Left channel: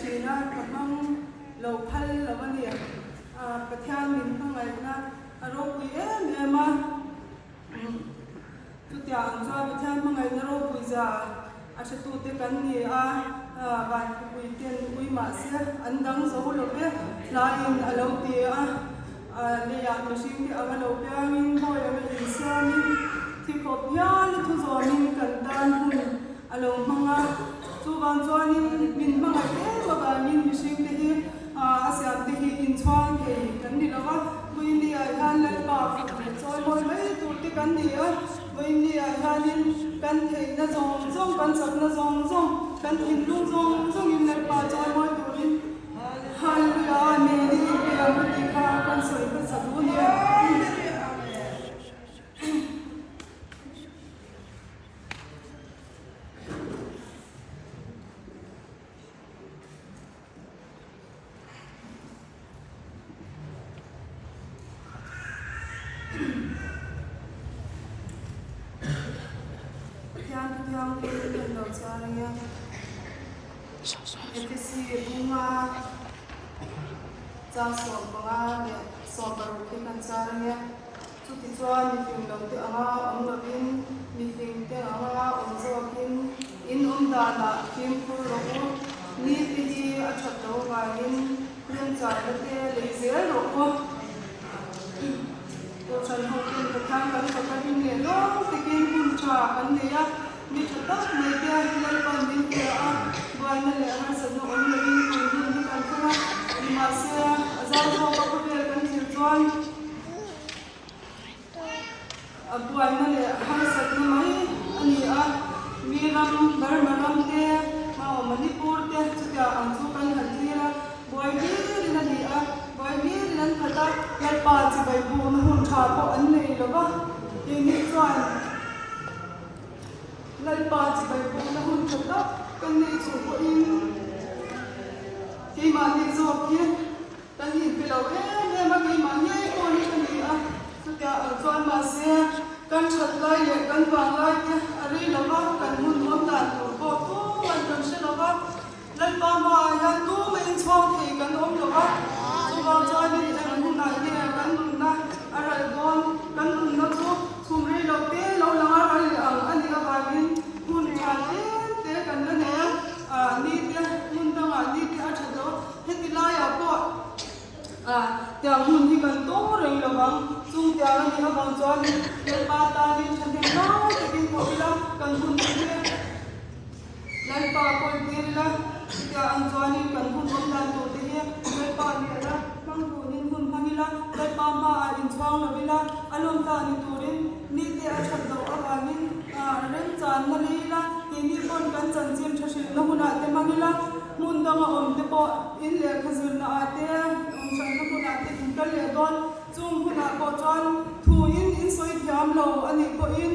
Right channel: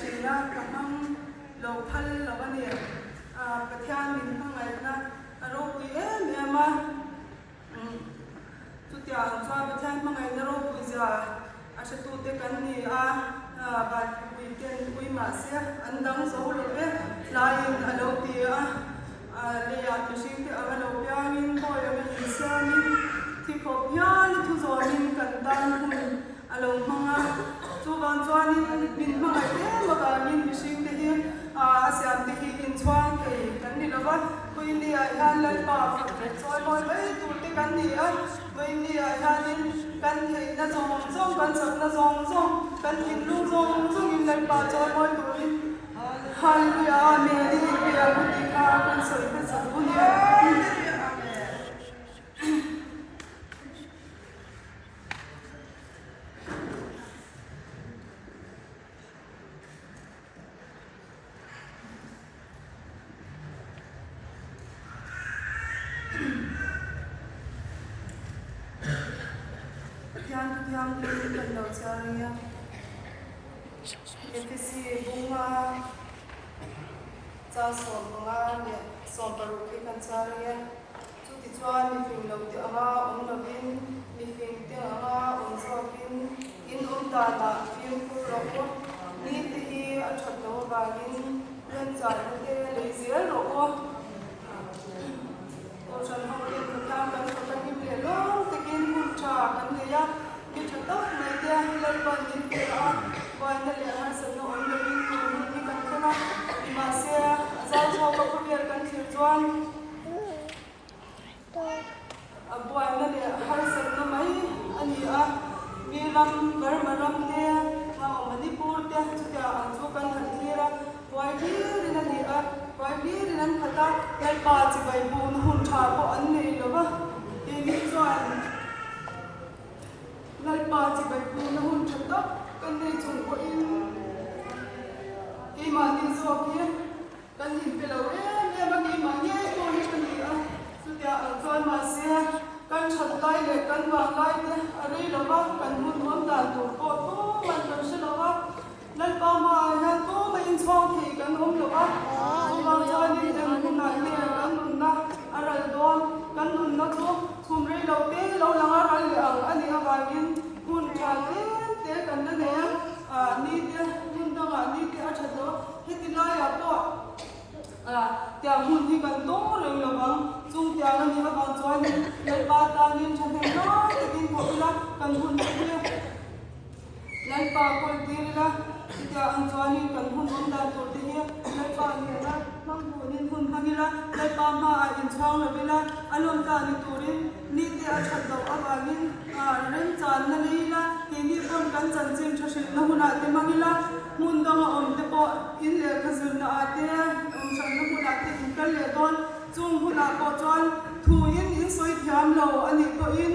china kamang lo phal lo ani pathya min ngai na aro pi ema tu tia chwa pathya ngai na ro pi ja ashe tu te kan ni ba pi ten ui ma se andang zo lo be lain alo ti le ya mi sing ti alo pya min ho ya mi sia min ti ko pya ni tu zo min kan dan hu alo manga tu ban chuan min mai lo ga min mi sing te hi asiam te hi in chuan ke kan ni lawa kuin ni ai han le pa choi moi mai tu te kan ni kuin ni ai han in kan thei na zong zong kan sak na zong zong kan in lu zong zong in le pa choi moi tu in hallelujah me ni pe a ti ka kan soi te sa bu ni yang kan lo chariya efisi bunga cha so bunga ne so baru ki kan chariya chu ti chuan mi film lo te ama lo in mi film te ama zo kin in da la film pu lo ni ti hi a chat lo ga in len cha lo te le zel lo ko chan ho kin kan kan ka kin ne lo te kin kum cha kan ne ya ni thot mai dia lel ban din ko vai na le ana sa no an ni ni kan kana ni ma se za zo ko le kan chi chuan abuai na le har sa ni mai ani mi ram bar maram te manipur te chu ta an chu kan han ni boy ni na ni boy ni nan khata el pa chi bai bu na hun tha ko an nei lo ba ni chuan lal pa chi bai bu na hun khata kan nei chu ko in ki ma ti zo ki ta ni pe lo ne ma ki ma nyai ko ni kan ni chu ta an chuan ma se kan chat lai le kan wa lai ke are lo ba kan hun mom dan to ko tu mai kan se lo ba lal pa ma ya tu mai chwa thi kan om lo ba chu ma cha ni de hun na ni kan hun na ara don kan hun na chu chum re lo te lo la ar le ani ba bin hun cha te kan na ne ni te hun da ni te a chado he ti la ya ko tia hun ni kan to ro yo bang chu tia ni ha bang cha ni le ka ta ni chan he na te bin ko ila kan hun ni lai pa ko ti la tia an cha ni kan hun mong dan to te ni le pa ni la mang bu ni hun ha ni la lai pa ma a in chang lo bi la alom ta ni turin ni te a chat do a ba min ren chan na ni la ke ni kon kan chan chim tha shi na huna te mang la mun da ma om te po in le khazun na ate chan na huna te in kal le don chung huna ko chon thu in soi thiam lo ani ko in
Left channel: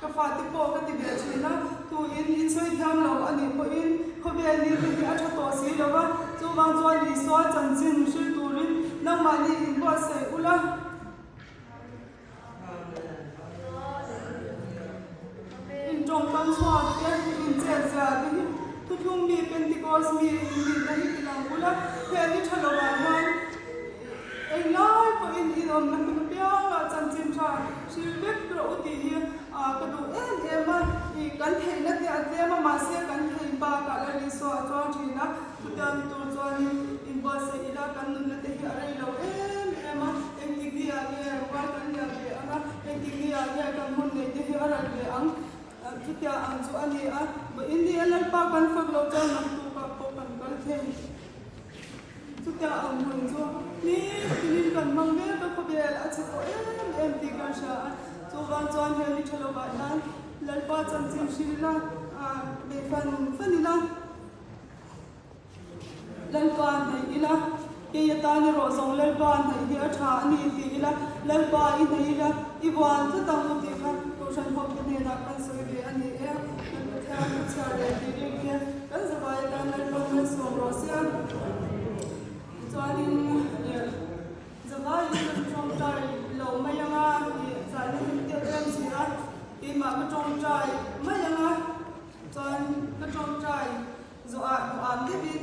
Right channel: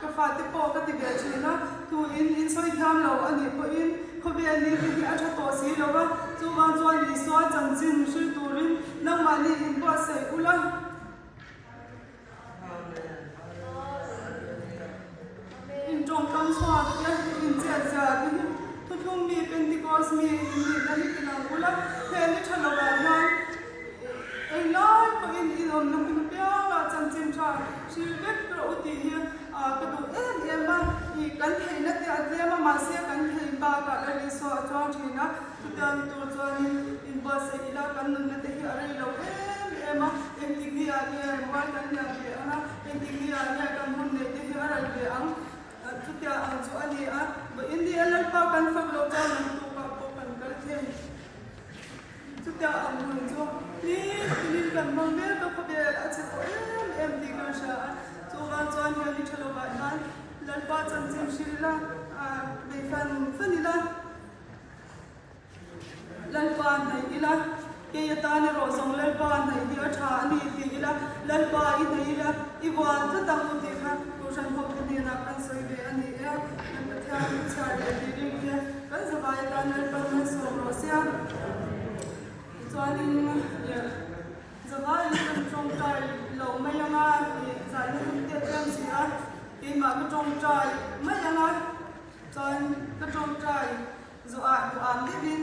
ka fa te po ka ti be china thu in soi thiam lo ani ko in ko be ni ti a tha to si lo ba chu ma chon ni so chan chin shi turin na ma ni in ko se ula in trong kan so ke in che ja tin tu thum mi pentecost mi in ni na ni na ula ke ni thalo ba ma ai lai ko in on na mi pya la chan chin cha shi le pro ti hi ka tu ma i kan thei na te a ma se kan thei ba ka la ni so cho thina tu tam tu cho ni in ba se ila kan na te hi are lo ma em ti ni a ni ba kan ya be em ti ni a ni kan mun ne te hi are le ang tu tia ang chu ani ba in ni alal pa kan fa lo cha na tu pa po kan kal the tu tia ang mun chu ni kan mang be ka ko be a che ko em ti ka sha chu ban chuan he ni thalo ba nan lal pa chan chin shila be fan fanila lal pa nai ila ke ya ta ni ro song lal pa nai hi a tha ni ti ila lal pa I nai ila I wan ta ta mu ti kha to shan ho ti ni na kan soi be ani ya ta ni cha le ti ri ke kan sa ba ya ta lal pa na so ro sia so ani zama I kan trong tai lo ma ya nga za ni ti tem si a I ma ka trong tai ma ya nga chan ka trong tai zo a am ti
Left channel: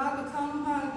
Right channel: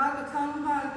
la ka thang ha